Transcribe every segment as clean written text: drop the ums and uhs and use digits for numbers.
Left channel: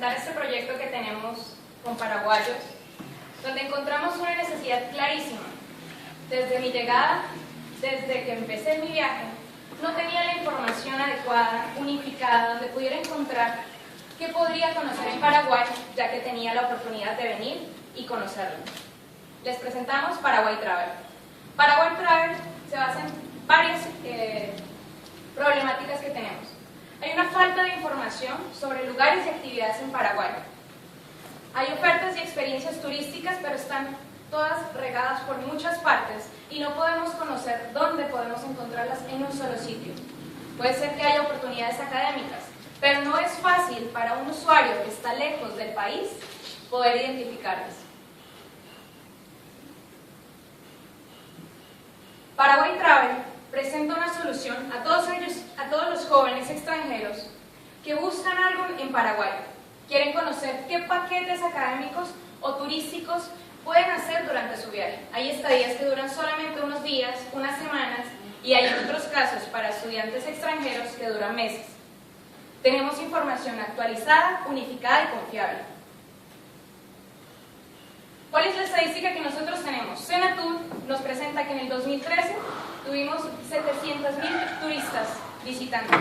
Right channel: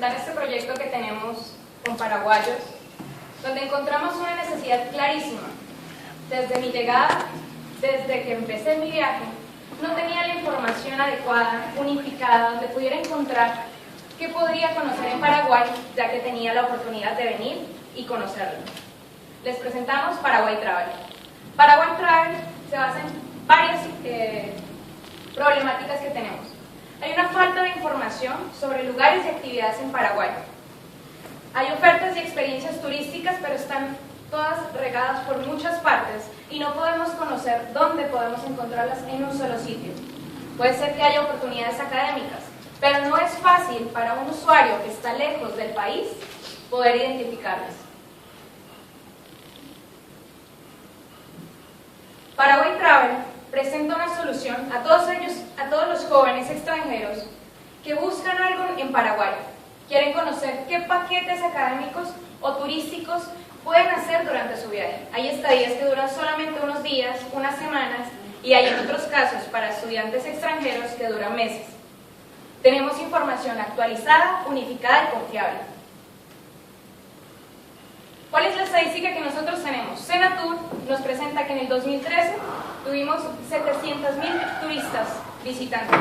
presentar este proyecto que tenemos con paraguayos, donde encontramos una necesidad clarísima. Desde mi llegada, desde que empecé mi viaje, no tenía la información adecuada, unificada, donde pudiera encontrar qué podría conocer en Paraguay, ya que tenía la oportunidad de venir y conocerlo. Les presentamos Paraguay Travel. Paraguay Travel se basa en varias problemáticas que tenemos. Hay una falta de información sobre lugares y actividades en Paraguay. Hay ofertas y experiencias turísticas, pero están todas regadas por muchas partes y no podemos conocer dónde podemos encontrarlas en un solo sitio. Puede ser que haya oportunidades académicas, pero no es fácil para un usuario que está lejos del país poder identificarlas. Paraguay Travel presenta una solución a todos los jóvenes extranjeros que buscan algo en Paraguay. Quieren conocer qué paquetes académicos o turísticos pueden hacer durante su viaje. Hay estadías que duran solamente unos días, unas semanas, y hay en otros casos para estudiantes extranjeros que duran meses. Tenemos información actualizada, unificada y confiable. ¿Cuál es la estadística que nosotros tenemos? Senatur nos presenta que en el 2013 tuvimos 700.000 turistas visitantes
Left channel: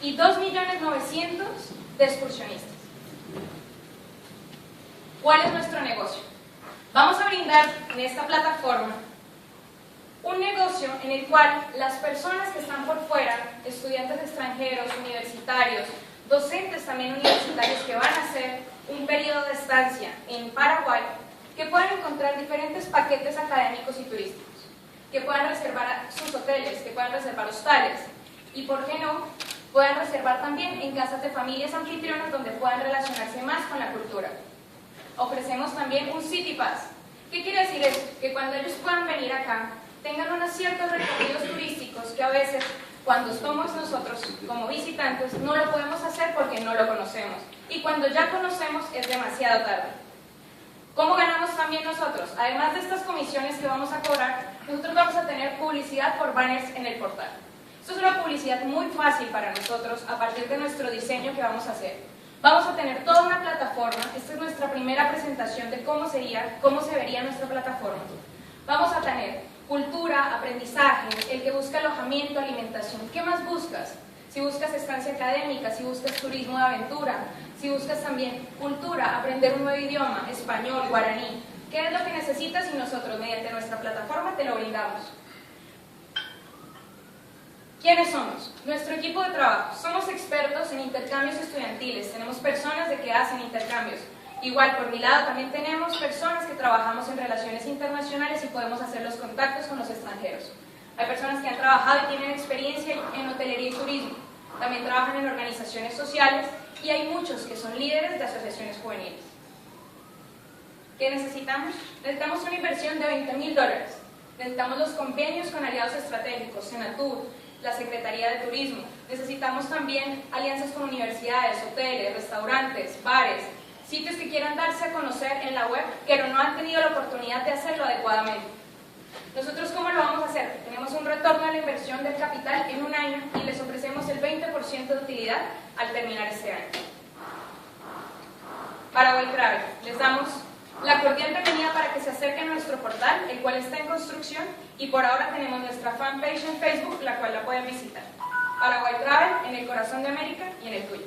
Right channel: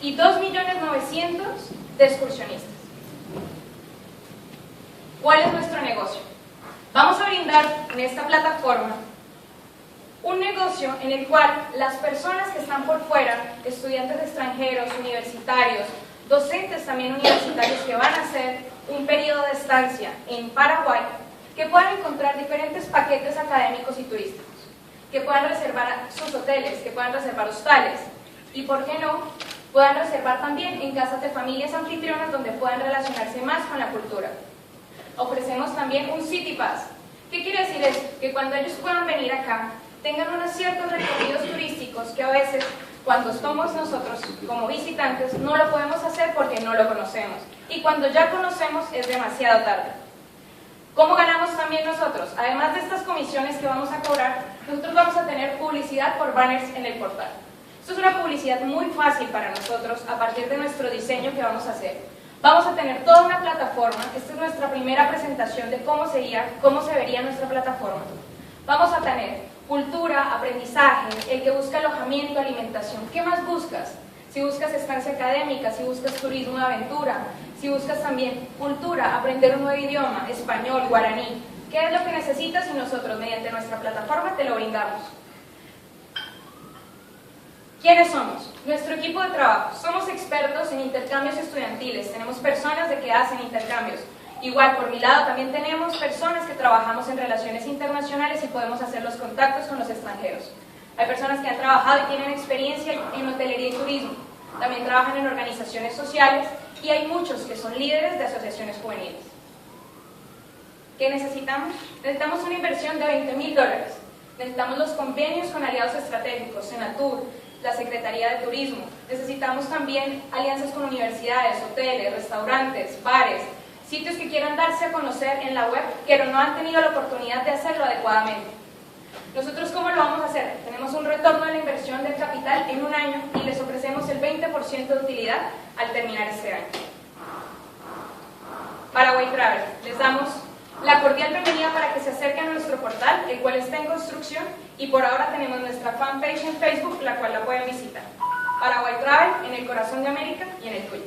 y 2.900.000 de excursionistas. ¿Cuál es nuestro negocio? Vamos a brindar en esta plataforma un negocio en el cual las personas que están por fuera, estudiantes extranjeros, universitarios, docentes también universitarios que van a hacer un periodo de estancia en Paraguay, que puedan encontrar diferentes paquetes académicos y turísticos, que puedan reservar sus hoteles, que puedan reservar hostales y, ¿por qué no?, puedan reservar también en casas de familias anfitrionas donde puedan relacionarse más con la cultura. Ofrecemos también un City Pass. ¿Qué quiere decir eso? Que cuando ellos puedan venir acá, tengan unos ciertos recorridos turísticos que a veces, cuando estamos nosotros como visitantes, no lo podemos hacer porque no lo conocemos. Y cuando ya conocemos, es demasiado tarde. ¿Cómo ganamos también nosotros? Además de estas comisiones que vamos a cobrar, nosotros vamos a tener publicidad por banners en el portal. Esto es una publicidad muy fácil para nosotros a partir de nuestro diseño que vamos a hacer. Vamos a tener toda una plataforma. Esta es nuestra primera presentación de cómo se vería nuestra plataforma. Vamos a tener cultura, aprendizaje, el que busca alojamiento, alimentación. ¿Qué más buscas? Si buscas estancia académica, si buscas turismo de aventura, si buscas también cultura, aprender un nuevo idioma, español, guaraní. ¿Qué es lo que necesitas? Y nosotros, mediante nuestra plataforma, te lo brindamos. ¿Quiénes somos? Nuestro equipo de trabajo. Somos expertos en intercambios estudiantiles. Tenemos personas de que hacen intercambios. Igual, por mi lado, también tenemos personas que trabajamos en relaciones internacionales y podemos hacer los contactos con los extranjeros. Hay personas que han trabajado y tienen experiencia en hotelería y turismo. También trabajan en organizaciones sociales y hay muchos que son líderes de asociaciones juveniles. ¿Qué necesitamos? Necesitamos una inversión de $20.000. Necesitamos los convenios con aliados estratégicos, Senatur, la Secretaría de Turismo. Necesitamos también alianzas con universidades, hoteles, restaurantes, bares, sitios que quieran darse a conocer en la web, pero no han tenido la oportunidad de hacerlo adecuadamente. Nosotros, ¿cómo lo vamos a hacer? Tenemos un retorno de la inversión del capital en un año y les ofrecemos el 20% de utilidad al terminar este año. Paraguay Travel, les damos la cordial bienvenida para que se acerquen a nuestro portal, el cual está en construcción, y por ahora tenemos nuestra fanpage en Facebook, la cual la pueden visitar. Paraguay Travel, en el corazón de América y en el tuyo.